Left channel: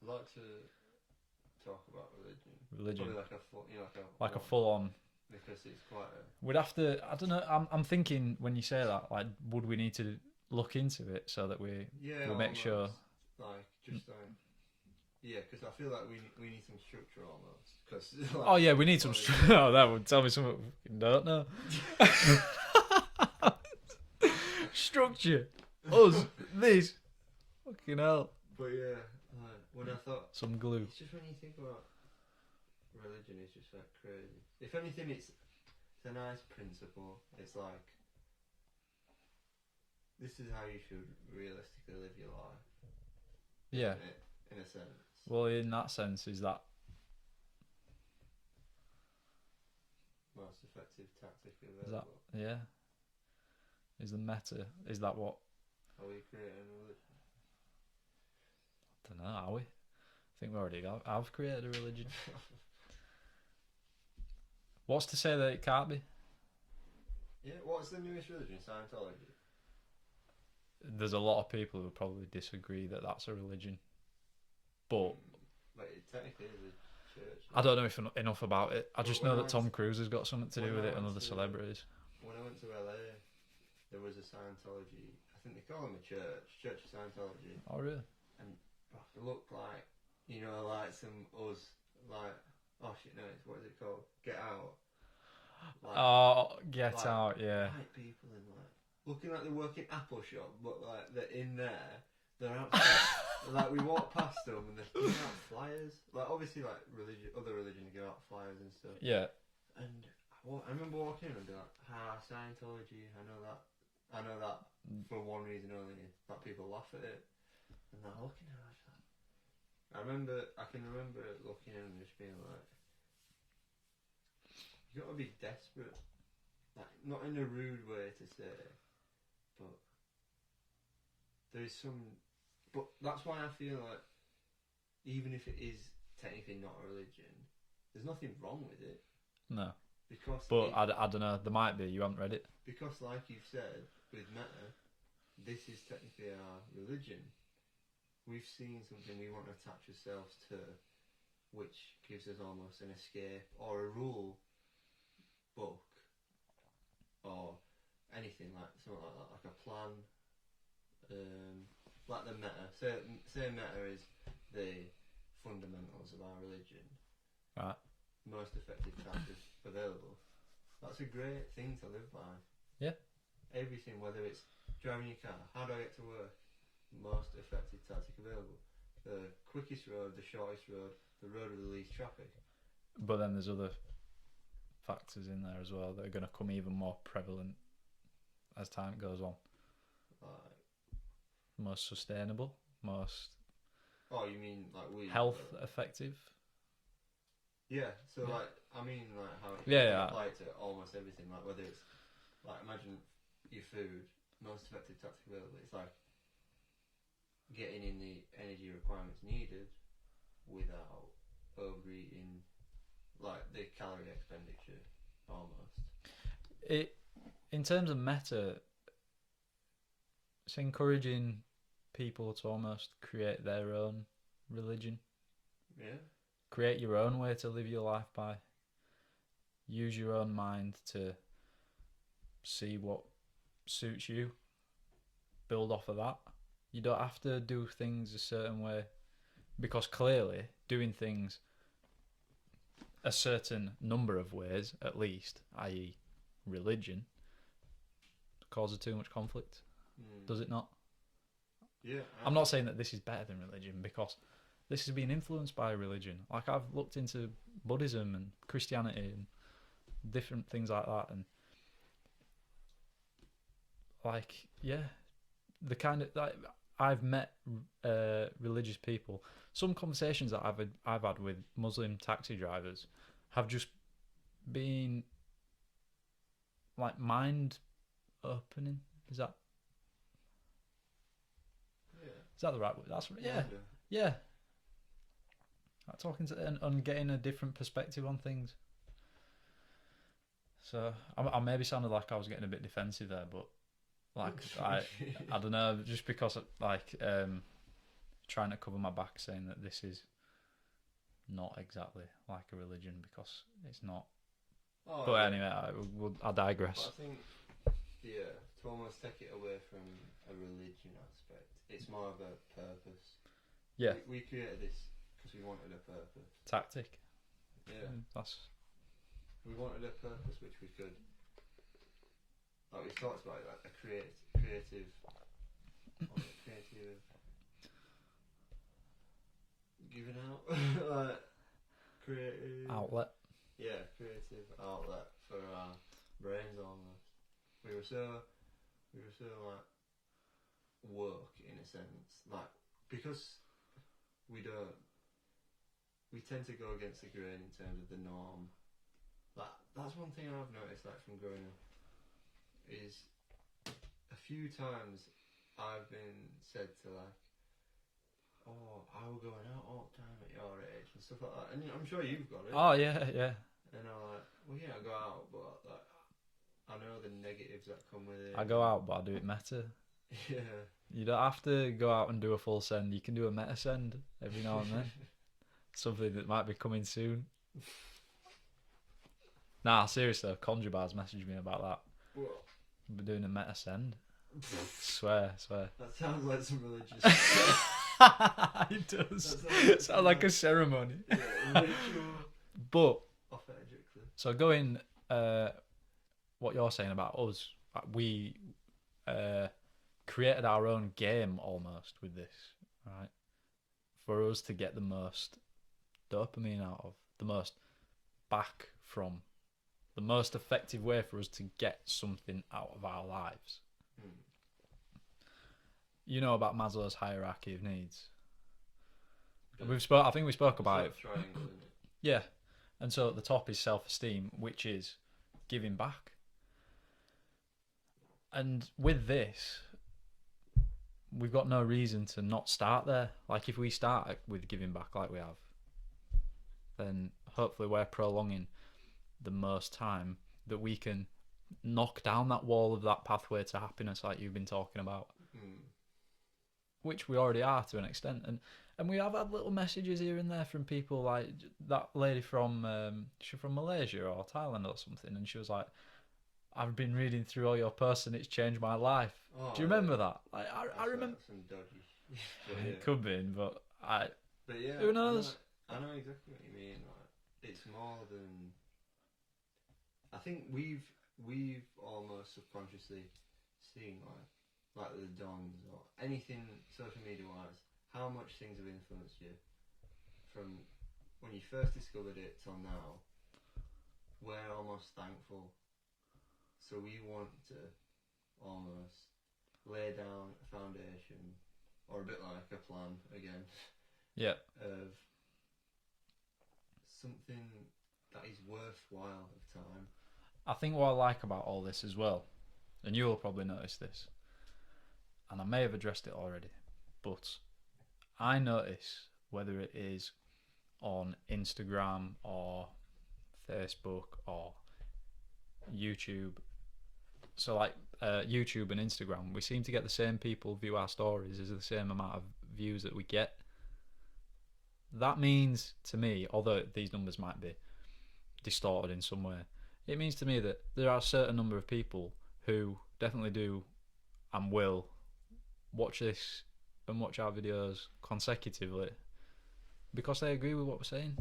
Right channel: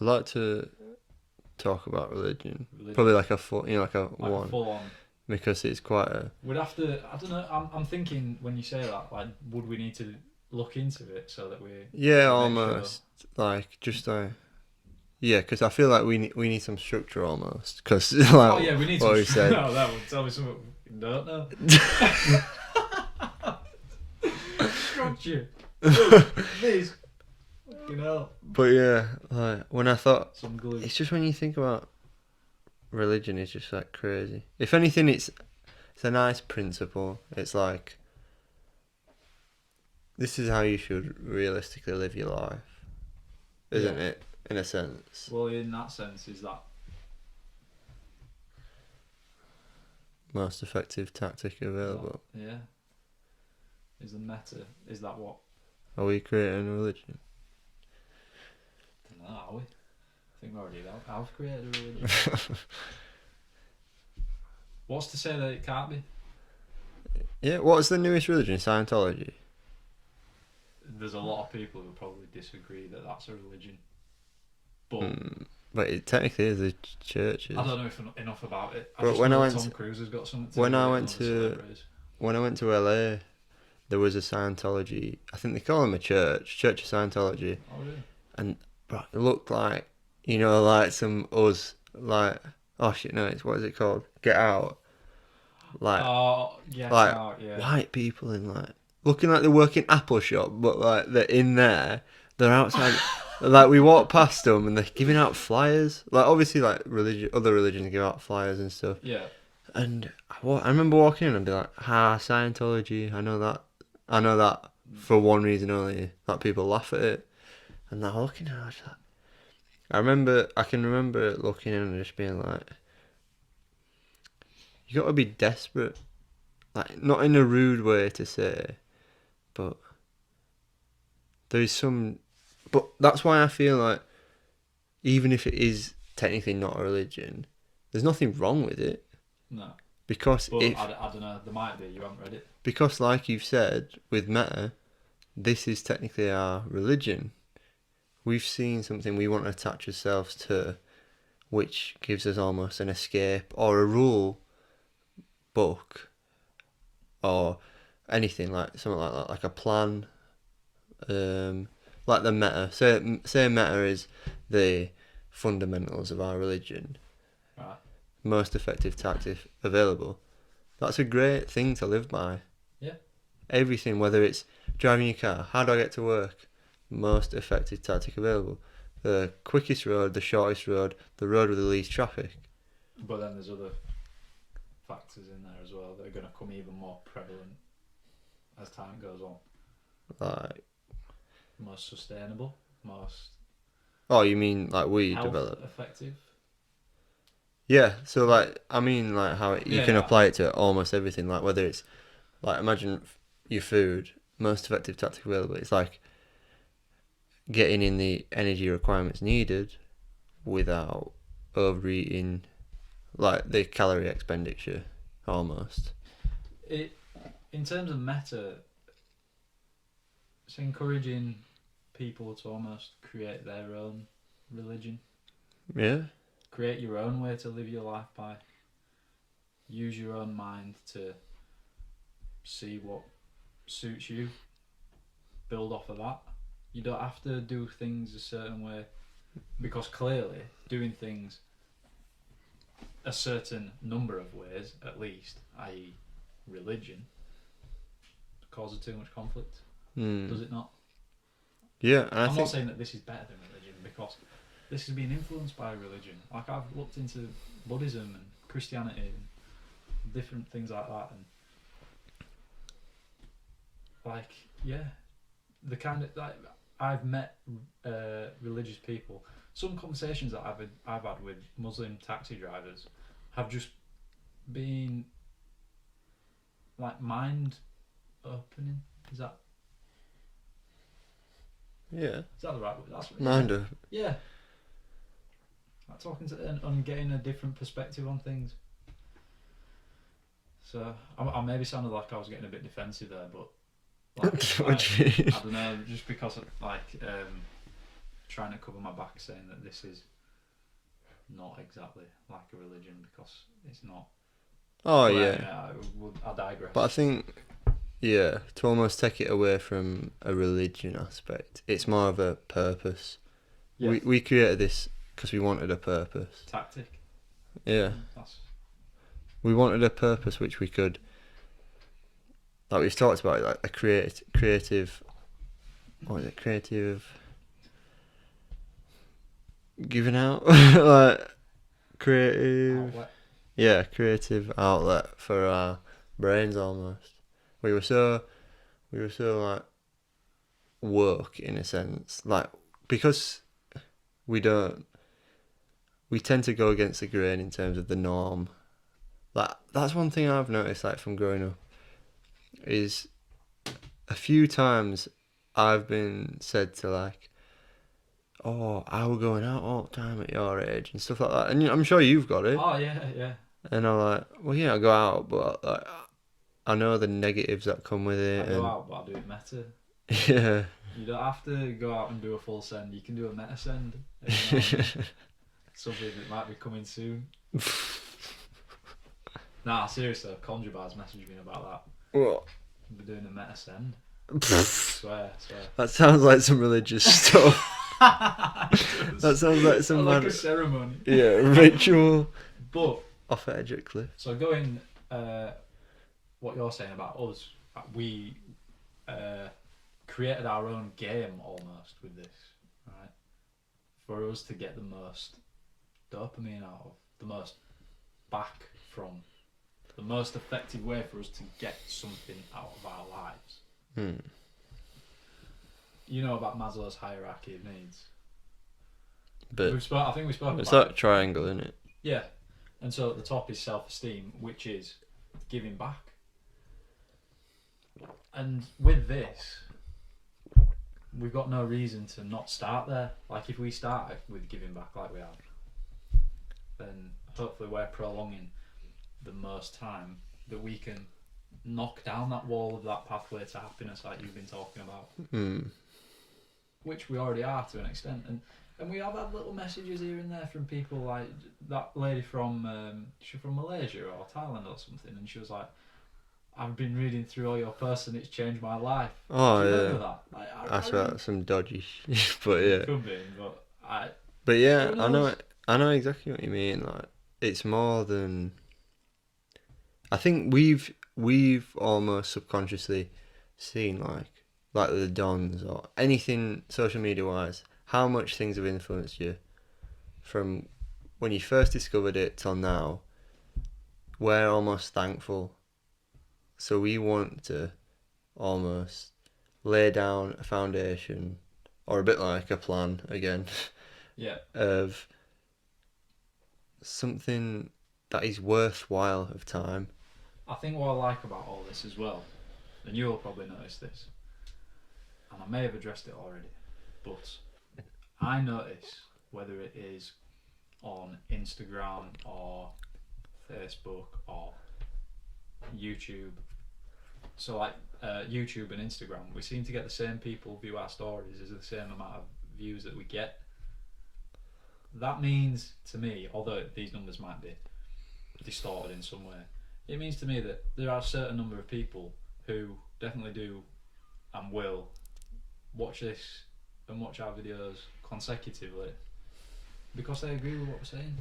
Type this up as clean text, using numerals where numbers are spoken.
I'd like to talk about religion. Religion, Probably like a full, like a like a one, full on. because it's quite a We'd have to. I don't know. I'm thinking when you say that, like, would we need to look into it so that yeah, we make sure? almost like just yeah, because I feel like we need some structure almost, because like Oh yeah, we need what some. we said. No, that would tell me something we don't know. Structure. Oh, please. You know, But yeah, like when I thought, some glue. it's just when you think about religion, it's just like crazy. If anything, it's a nice principle. It's like this is how you should realistically live your life, isn't Yeah. it? In a sense, Well, in that sense, is that most effective tactic available. yeah? Is the meta? Is that what? Are we creating a religion? I don't know. Are we? I think we already have created a religion. What's to say that it can't be? Yeah, what's the newest religion? Scientology. There's a lot of people who probably disagree that that's a religion, but But it technically is a church. I don't know if enough about it. I But just when I know that went Tom Cruise has got something to when do I with it went and other to celebrities. when I went to LA, there was a Scientology. I think they call them a Church of Scientology. Oh really? And bro, it looked like, like some us, like, oh shit, no, it's what is it called? Get Out. Like Oh, Get like Out, yeah. white people in like looking like they work in Apple shop, but like they're in there. They're outside. Like we walk past them and they're giving out flyers. Like obviously, like other religions give out flyers and stuff. Yeah. And I remember walking in and be like, "Ha, Scientology. I know that for one reason only, that people laugh at it." And they're looking at it, I can remember looking in and just being like, "You got to be desperate." Like not in a rude way to say, but there is some. But that's why I feel like even if it is technically not a religion, there's nothing wrong with it, No. because But I don't know. There might be. You haven't read it. because like you've said with Meta, this is technically our religion. We've seen something we want to attach ourselves to, which gives us almost an escape or a rule book or anything like something like that, like a plan. Like the meta. Say meta is the fundamentals of our religion, Right. most effective tactic available. That's a great thing to live by. Yeah. Everything, whether it's driving your car, how do I get to work? Most effective tactic available. The quickest road, the shortest road, the road with the least traffic. But then there's other factors in there as well that are going to come even more prevalent as time goes on. Like, Most sustainable, most oh, you mean like we health develop? effective. Yeah. So like, I mean like how you Yeah, can yeah. apply it to almost everything. Like whether it's like imagine your food, most effective tactic available. It's like getting in the energy requirements needed without overeating, like the calorie expenditure almost. It in terms of meta, it's encouraging people to almost create their own religion. Yeah. Create your own way to live your life by. Use your own mind to see what suits you. Build off of that. You don't have to do things a certain way, because clearly doing things a certain number of ways, at least, i.e. religion, causes too much conflict. Does it not? Yeah, and I'm not saying that this is better than religion, because this has been influenced by religion. Like I've looked into Buddhism and Christianity and different things like that, and like the kind of like I've met religious people. Some conversations that I've had with Muslim taxi drivers have just been like mind opening. Is that the right word? That's mind of yeah. Like talking to and getting a different perspective on things. So I maybe sounded like I was getting a bit defensive there, but like, I don't know, just because like trying to cover my back saying that this is not exactly like a religion because it's not. Oh But yeah. anyway, I digress. But I think, yeah, to almost take it away from a religion aspect, it's more of a purpose. Yeah. We created this because we wanted a purpose. Tactic. Yeah. That's We wanted a purpose which we could, like we've talked about, like a creative, what is it, creative giving out, like creative, outlet. yeah, creative outlet for our brains almost. We were so like woke in a sense, like because we tend to go against the grain in terms of the norm. Like that's one thing I've noticed, like from growing up, is a few times I've been said to like, oh, I were going out all the time at your age and stuff like that, and I'm sure you've got it. Oh yeah. And I'm like, well, yeah, I go out, but like, I know the negatives that come with it. I go out, but I do it meta. Yeah. You don't have to go out and do a full send. You can do a meta send. You know what I mean? Something that might be coming soon. Nah, seriously, Conjure Bar's messaged me about that. What? We're doing a meta send. swear. That sounds like some religious stuff. That sounds like some like a ceremony. Yeah, ritual. But Off edge at cliff. so going, what you're saying about us, we created our own game almost with this, right? For us to get the most dopamine out of, the most back from, the most effective way for us to get something out of our lives. You know about Maslow's hierarchy of needs. But I think we spoke it's about that triangle, isn't it? Yeah, and so at the top is self-esteem, which is giving back. And with this, we've got no reason to not start there. Like if we start with giving back like we have, then hopefully we're prolonging the most time that we can knock down that wall of that pathway to happiness like you've been talking about. Which we already are to an extent. And we have had little messages here and there from people, like that lady from she's from Malaysia or Thailand or something, and she was like, I've been reading through all your posts and it's changed my life. Oh, do you yeah. remember that? Like, That's about some dodgy shit, but yeah. Could be, But yeah, who knows? I know exactly what you mean. Like, it's more than. I think we've almost subconsciously seen like the dons or anything social media wise, how much things have influenced you from when you first discovered it till now. We're almost thankful. So we want to almost lay down a foundation, or a bit like a plan again, Yeah. of something that is worthwhile of time. I think what I like about all this as well, and you will probably notice this, and I may have addressed it already, but I notice whether it is on Instagram or Facebook or YouTube. So like YouTube and Instagram, we seem to get the same people view our stories as the same amount of views that we get. That means to me, although these numbers might be distorted in some way, it means to me that there are a certain number of people who definitely do and will watch this and watch our videos consecutively because they agree with what we're saying.